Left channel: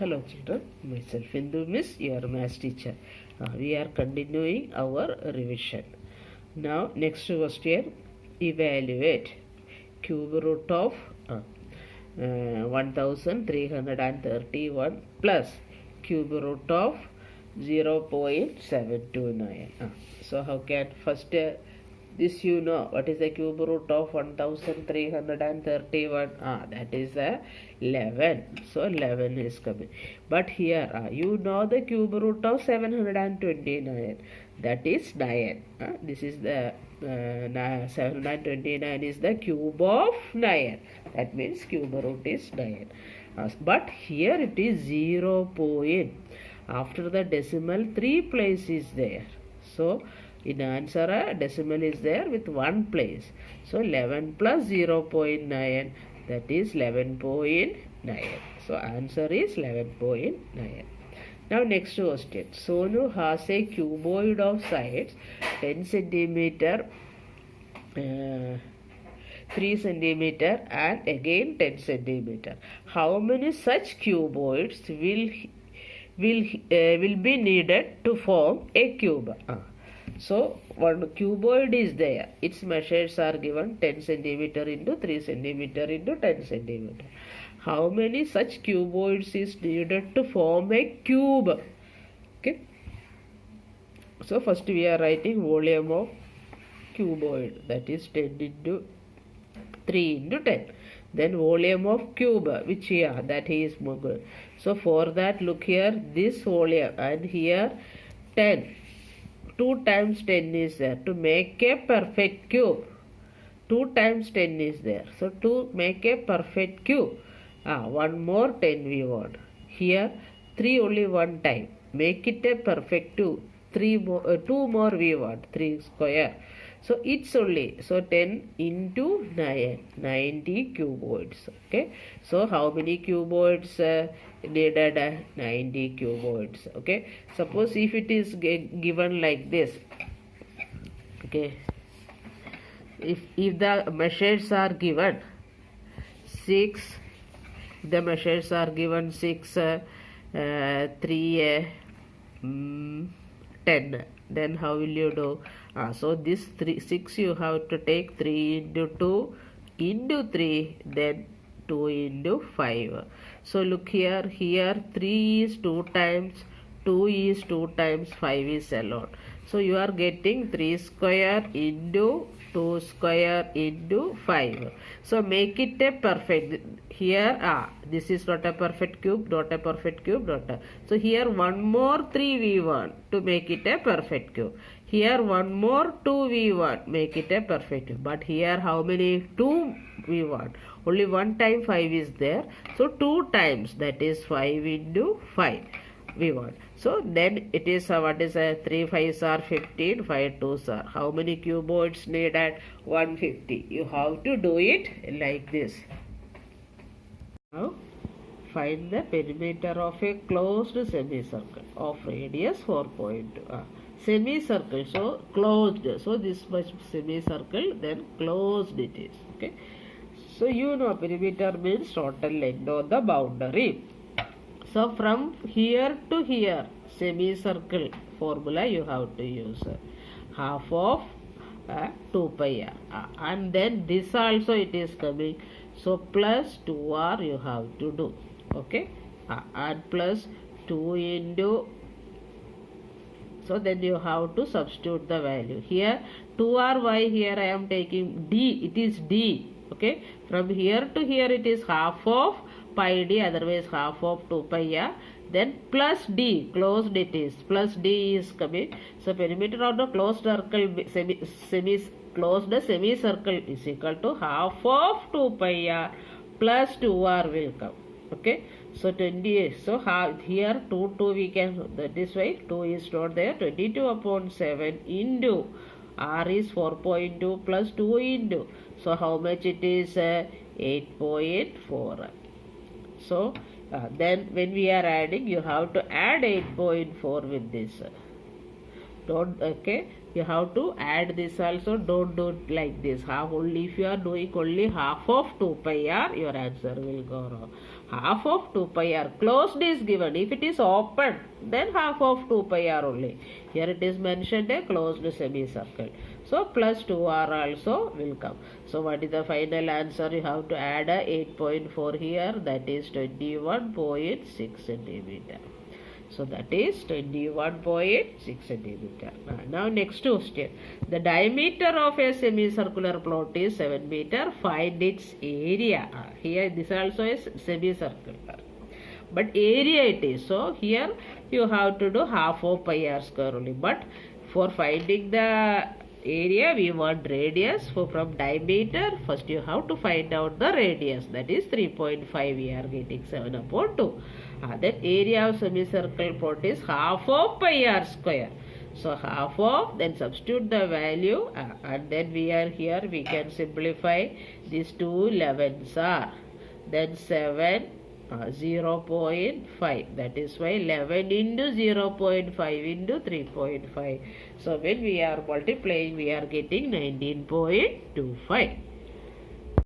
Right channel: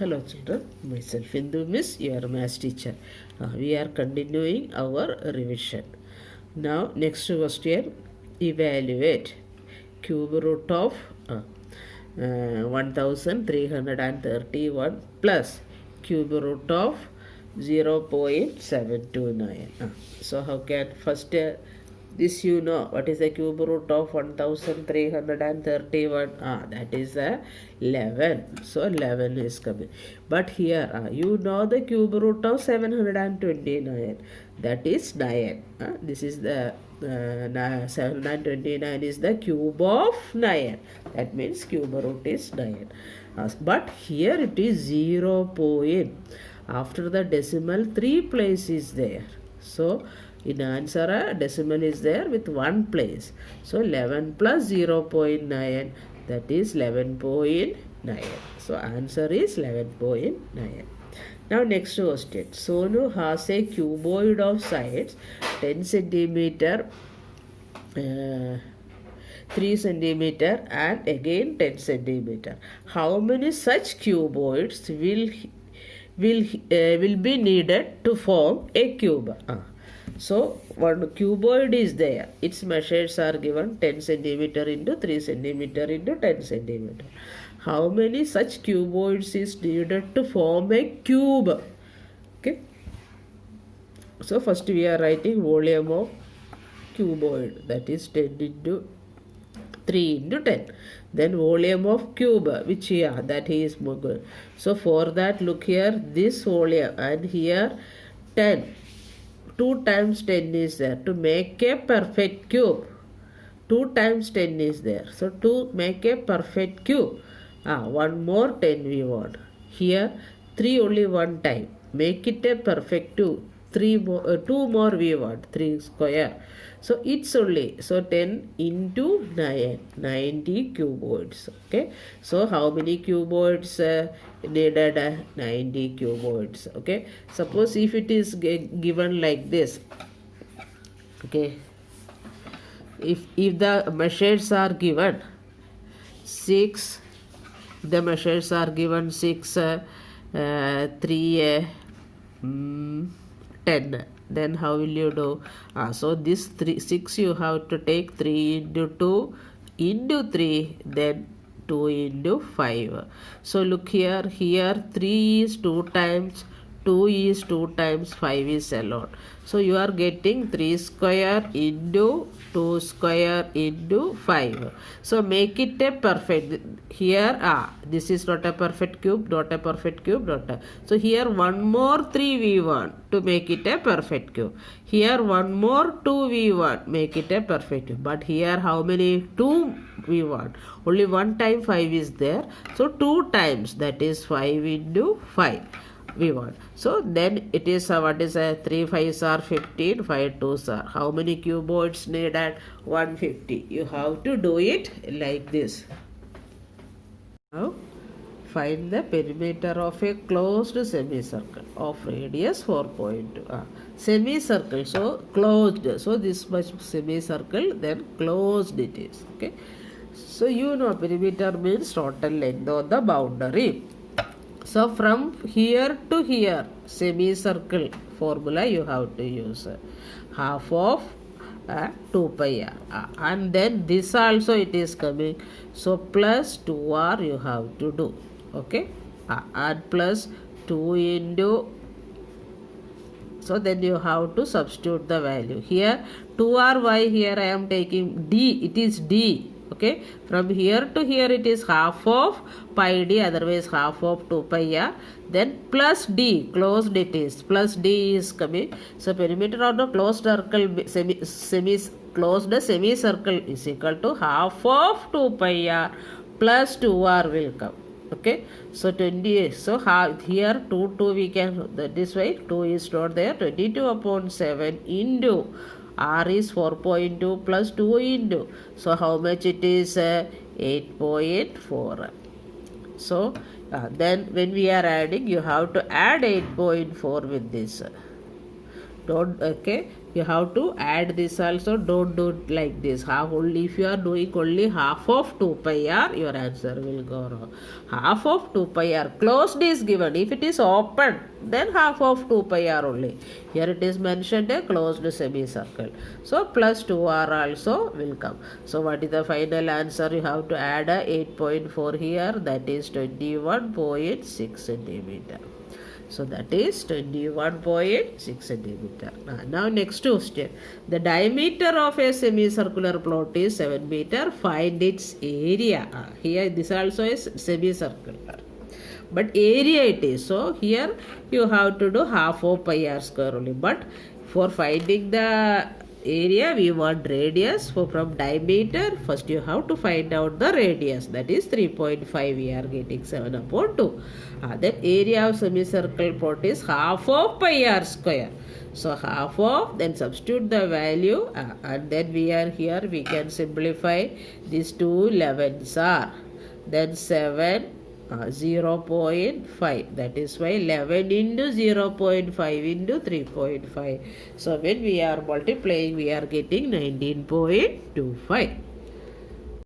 Hello children, myself Indu Miss, your maths teacher. We are continuing our revision. Now next question, evaluate cube root of 1331 plus cube root of 0.729. So how can first this you know what is the cube root of 1331? That is 11. So 11 is coming. But here you know the cube root of 729. That is 9. This is the 729 is the cube of 9. That means cube root is 9. But here it is 0 point. After the decimal 3 place is there. So in answer decimal is there with 1 place. So 11 plus 0.9, that is 11.9. So answer is 11.9. Now next question. Sonu has a cuboid of sides 10 centimeter, 3 centimeter and again 10 centimeter. How many such cuboids will be needed to form a cube? So one cuboid is there. Its measures are given 10 centimeter into 3 centimeter into 10 centimeter. How many such cuboids is needed to form a cube? Okay. So first we are writing volume of cuboid, that is 10 into 3 into 10. Then volume of cube, which here that is good. So for that, look here, this volume and here 10. 2 times 10 is there to make a perfect cube. 2 times 10 is there. So to make a perfect cube, one more 10 we want. Here 3 only one time. Make it a perfect cube. 2 more we want. 3 square. So it's only, so 10 into 9, 90 cuboids. Okay. So how many cuboids needed? 90 cuboids. Okay. Suppose if it is given like this. Okay. If the measures are given 6, the measures are given 6, 3, 10, then how will you do? So this 6 you have to take 3 into 2 into 3, then 2 into 5. So look here, 3 is 2 times, 2 is 2 times, 5 is alone. So you are getting 3 square into 2 square into 5. So make it a perfect. Here this is not a perfect cube, not a perfect cube, not a. So here one more 3 we want to make it a perfect cube. Here one more 2 we want, make it a perfect cube. But here how many? 2 we want. Only one time 5 is there. So 2 times, that is 5 into 5 we want. So then it is what is 3 5s are 15, 5 2s are. How many cuboids needed? 150. You have to do it like this. Now find the perimeter of a closed semicircle of radius 4.2. Semicircle, so closed. So this much semicircle, then closed it is. Okay. So you know perimeter means total length of the boundary. So from here to here, semicircle formula you have to use half of 2 pi r. And then this also it is coming. So plus 2r you have to do. Okay. And plus 2 into. So then you have to substitute the value. Here 2ry, here I am taking d. It is d. Okay, from here to here it is half of pi d, otherwise half of 2 pi r. Then plus d, closed it is, plus d is coming. So perimeter of the closed circle, closed semicircle is equal to half of 2 pi r plus 2r will come. Okay, so 20. So here 2 we can, that is why 2 is not there. 22 upon 7 into r is 4.2 plus 2 into. So how much it is? 8.4. So then when we are adding, you have to add 8.4 with this Don't, okay, you have to add this also. Don't do it like this. Half only, if you are doing only half of 2 pi r, your answer will go wrong. Half of 2 pi r closed is given. If it is open, then half of 2 pi r only. Here it is mentioned a closed semicircle, so plus 2r also will come. So what is the final answer? You have to add a 8.4 here, that is 21.6 centimeter. So that is 21.6 centimeter. Now next question. The diameter of a semicircular plot is 7 meter. Find its area. Here this also is semicircular, but area it is. So here you have to do half of pi r square only. But for finding the area, we want radius. So from diameter, first you have to find out the radius, that is 3.5. We are getting 7 upon 2. Then area of semicircle plot is half of pi r square. So half of, then substitute the value, and then we are here, we can simplify. These two 11s are, then 7, 0.5, that is why 11 into 0.5 into 3.5. So when we are multiplying, we are getting 19.25.